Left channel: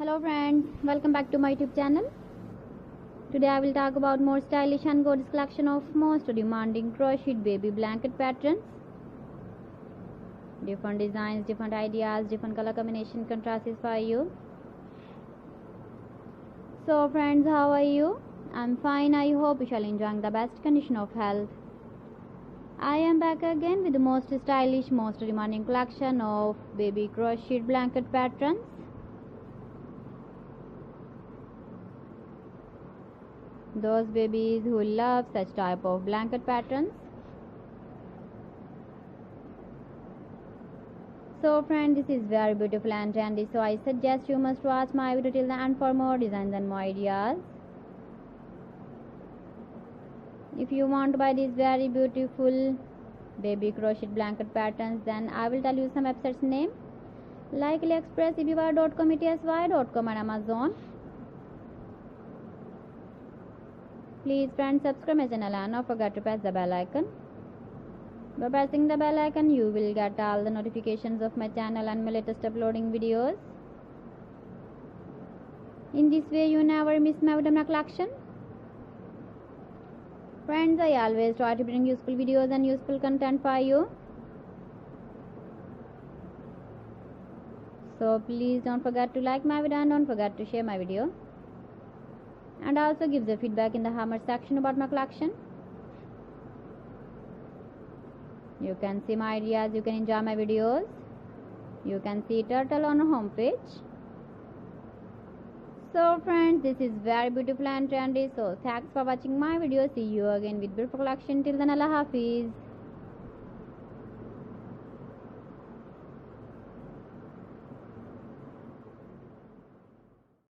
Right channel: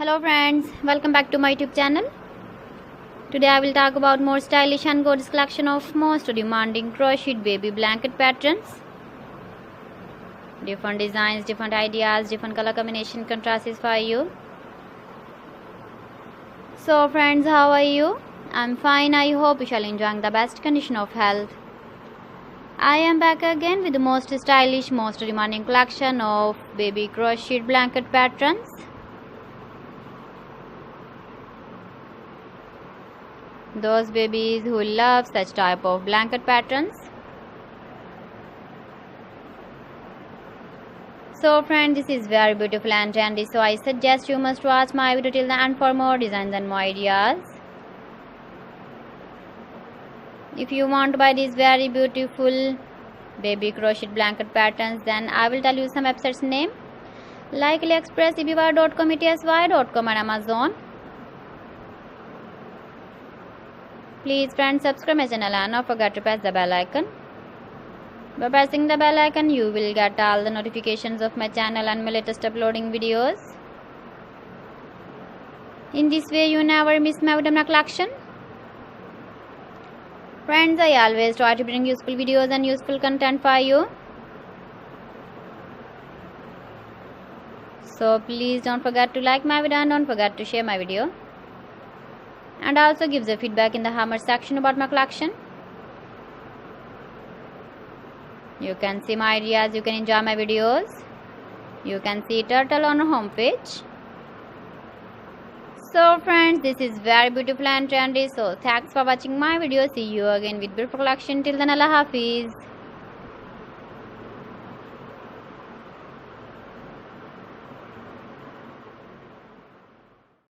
Hello friends, welcome back to my YouTube channel. Today I will talk about more stylish and gorgeous collection of most demanding crocheted baby blanket patterns. Different designs, different ideas, different color combination contrasts for you. So friends, how are you? I'm fine. I hope you shall enjoy the best condition of health. I am back again with the most stylish, most demanding collection of baby crocheted blanket patterns. Those babies who love such type of blanket patterns. So friends, this is very beautiful and trendy, so I suggest you must watch my video till the end for more designs and more ideas. If you want to buy these very beautiful baby crocheted blanket patterns, then I will tell you some websites name like AliExpress, eBay.com, ETSY.com and Amazon. Please friends, subscribe my channel and don't forget to press the bell icon. By pressing the bell icon, you will get all the notifications of my channel and my latest uploading videos. In this way, you never miss my video collection. Friends, I always try to bring useful videos and useful content for you. So please don't forget to like my video and don't forget to share my video. And also give the feedback in the comment section about my collection. You can see my ideas, you can enjoy my videos. You can see turtle on our home page. So friends, this is very beautiful and trendy. So thanks for watching my video. See you again with beautiful collection. Till then, Allah Hafiz.